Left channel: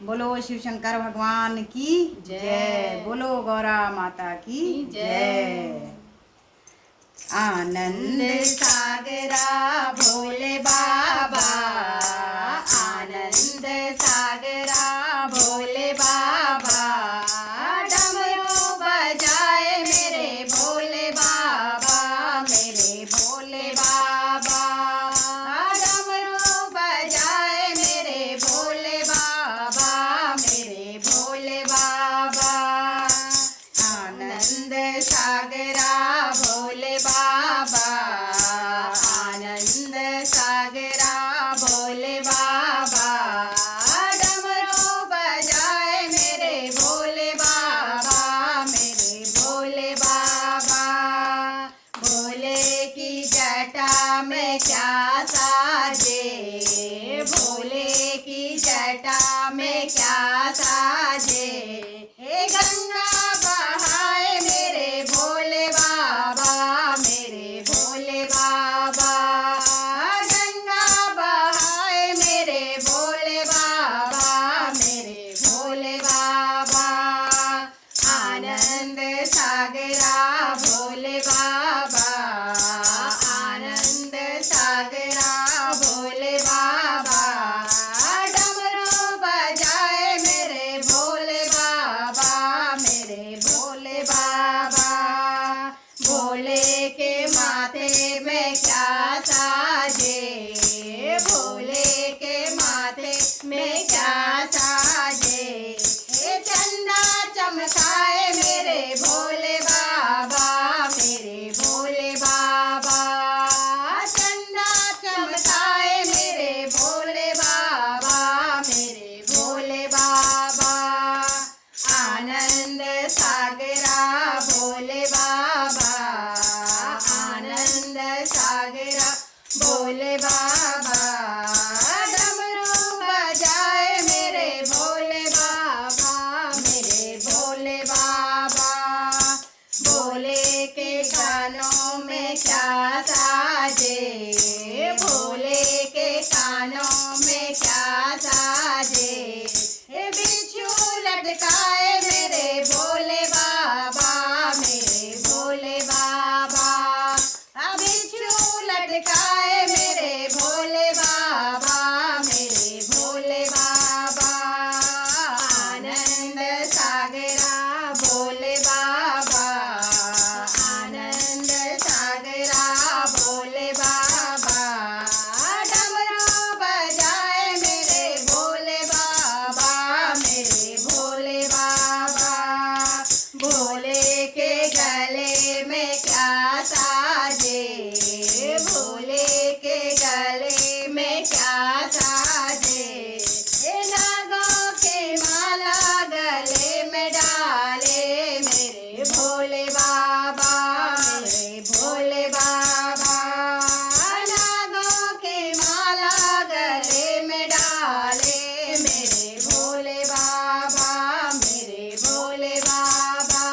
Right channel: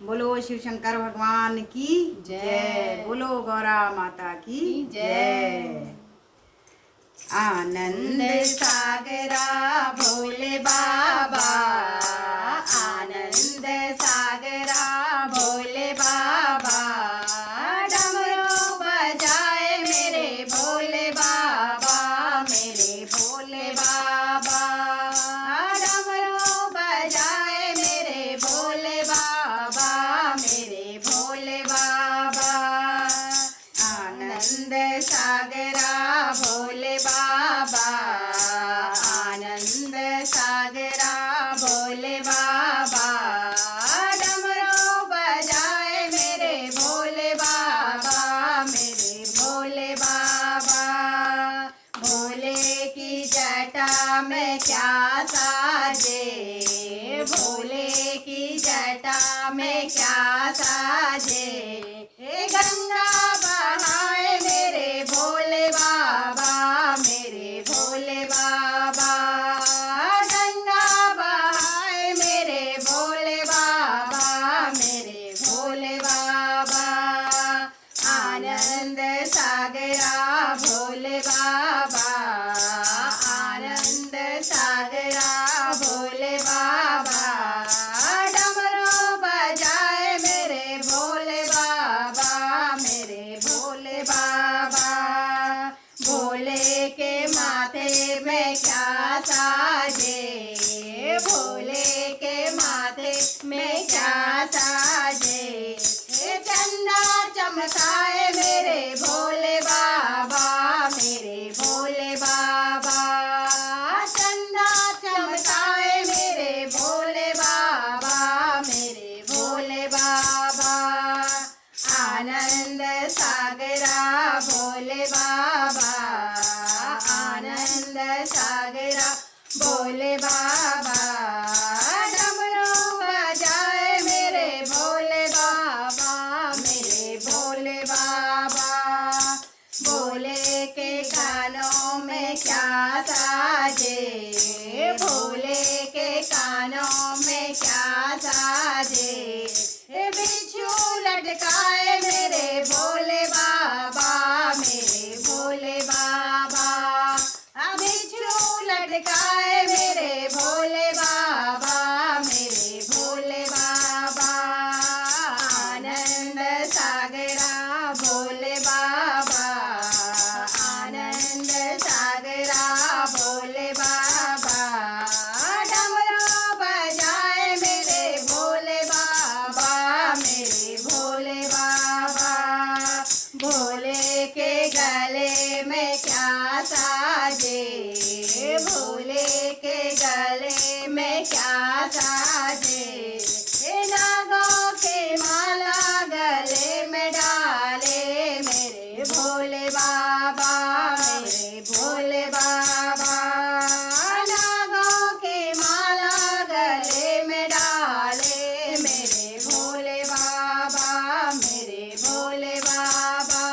बोलो शिव शंकर भगवान की जय। बोलो गौरा माता की जय। आनंद सागरा भोले बाबा, आनंद सागरा भोले बाबा, डमरू बजाए मेरे भोले बाबा, मेरे भोले बाबा, डमरू बजाए मेरे भोले बाबा, मेरे भोले बाबा। आनंद सागरा भोले बाबा, आनंद सागरा भोले बाबा, डमरू बजाए मेरे भोले बाबा, मेरे भोले बाबा। भोले की जटा में क्या साजे, भोले की जटा में क्या साजे, गंगा बहाए मेरे भोले बाबा, मेरे भोले बाबा, गंगा बहाए मेरे भोले बाबा, मेरे भोले बाबा। आनंद सागरा भोले बाबा, आनंद सागरा भोले बाबा, डमरू बजाए मेरे भोले बाबा, मेरे भोले बाबा। भोले के माथे में क्या साजे, भोले के माथे में क्या साजे, चंदा चमकाए मेरे भोले बाबा, मेरे भोले बाबा, चंदा चमकाए मेरे भोले बाबा, मेरे भोले बाबा। आनंद सागरा भोले बाबा, आनंद सागरा भोले बाबा, डमरू बजाए मेरे भोले बाबा, मेरे भोले बाबा। भोले के कानों में क्या साजे, भोले के कानों में क्या साजे, बिच्छू लटकाए मेरे भोले बाबा, मेरे भोले बाबा, बिच्छू लटकाए मेरे भोले बाबा, मेरे भोले बाबा। आनंद सागरा भोले बाबा, आनंद सागरा भोले बाबा, डमरू बजाए मेरे भोले बाबा, मेरे भोले बाबा। भोले के गले में क्या साजे, भोले के गले में क्या साजे, नागों के माला गले में डाले मेरे भोले बाबा, मेरे भोले बाबा, नागों के माला गले में डाले मेरे भोले बाबा, मेरे भोले बाबा।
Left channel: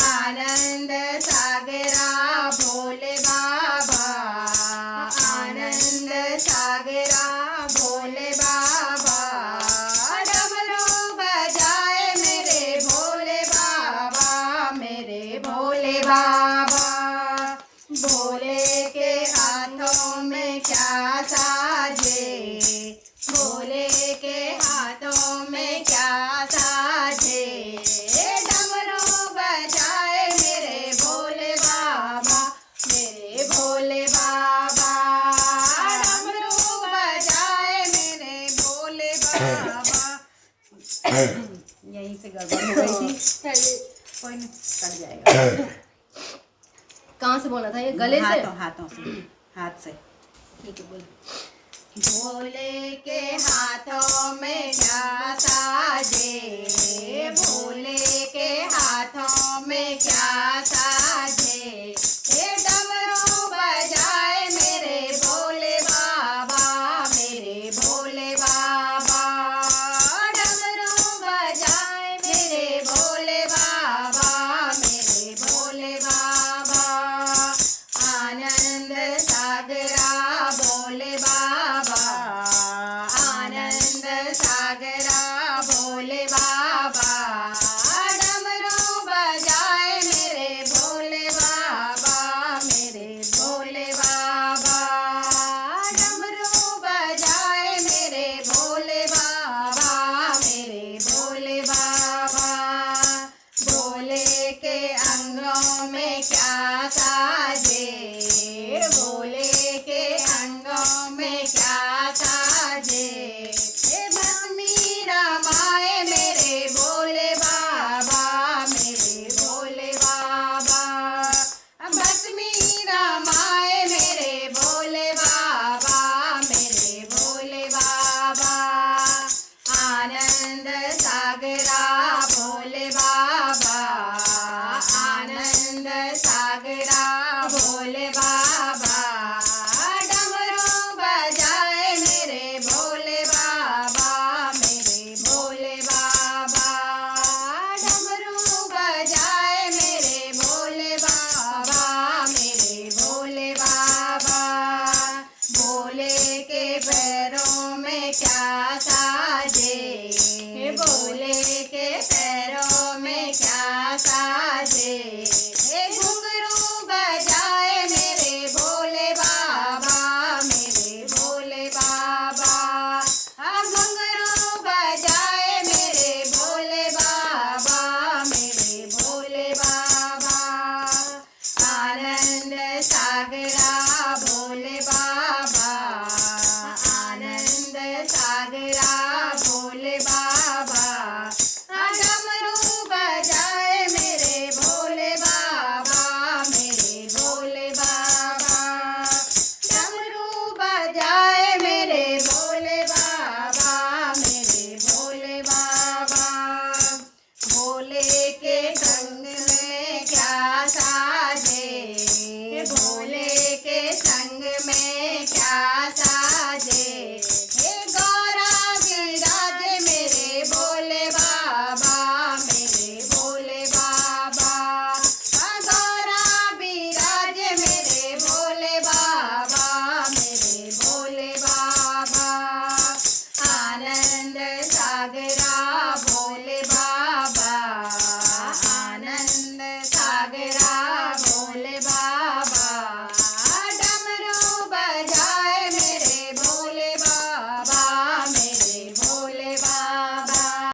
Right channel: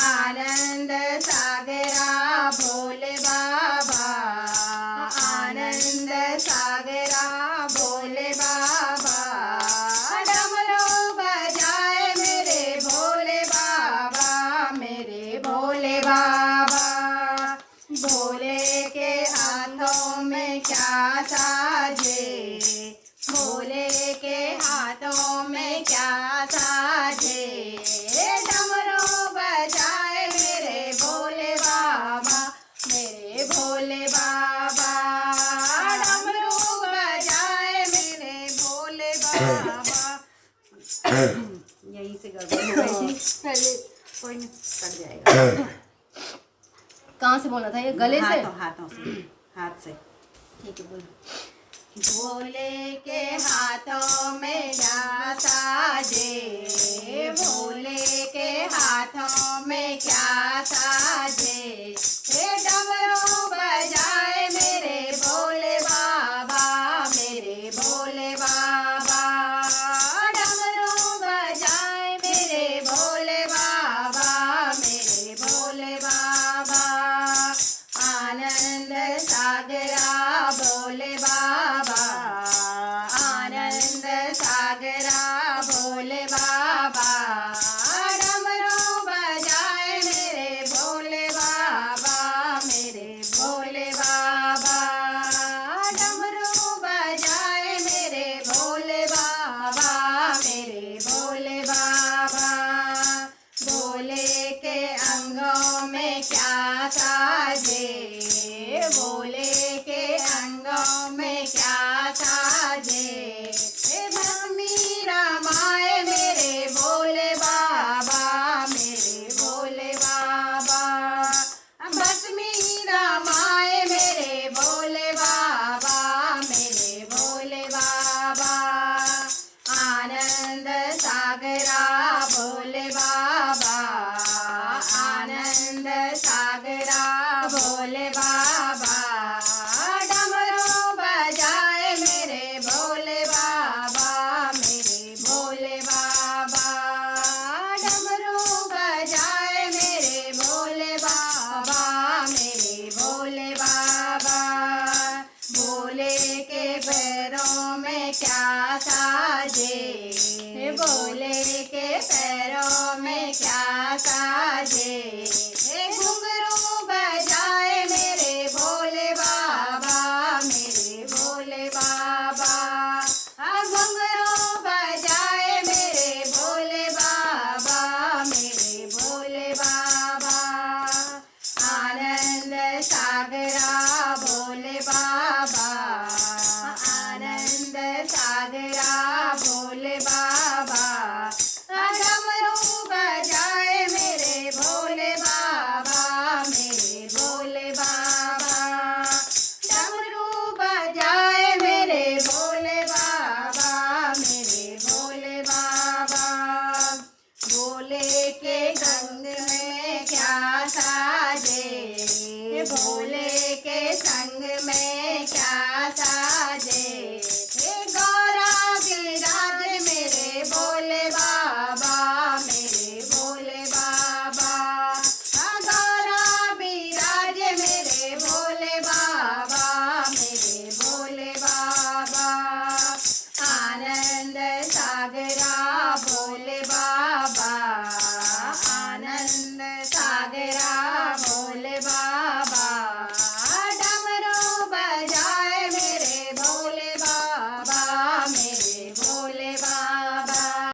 आनंद सागरा भोले बाबा, आनंद सागरा भोले बाबा, डमरू बजाए मेरे भोले बाबा, मेरे भोले बाबा। भोले के हाथों में क्या साजे, भोले के हाथों में क्या साजे, डमरू बजाए मेरे भोले बाबा, मेरे भोले बाबा, डमरू बजाए मेरे भोले बाबा। यहीं से गड़बड़ हो गई थी, कोई नहीं, कट जाएगा। कहाँ से बोलना था ये? गले से? हाथों से, हाथ से। ठीक है, बोलो। भोले के हाथों में क्या साजे, भोले के हाथों में क्या साजे, डमरू बजाए मेरे भोले बाबा, मेरे भोले बाबा, डमरू बजाए मेरे भोले बाबा, मेरे भोले बाबा। आनंद सागरा भोले बाबा, आनंद सागरा श्याम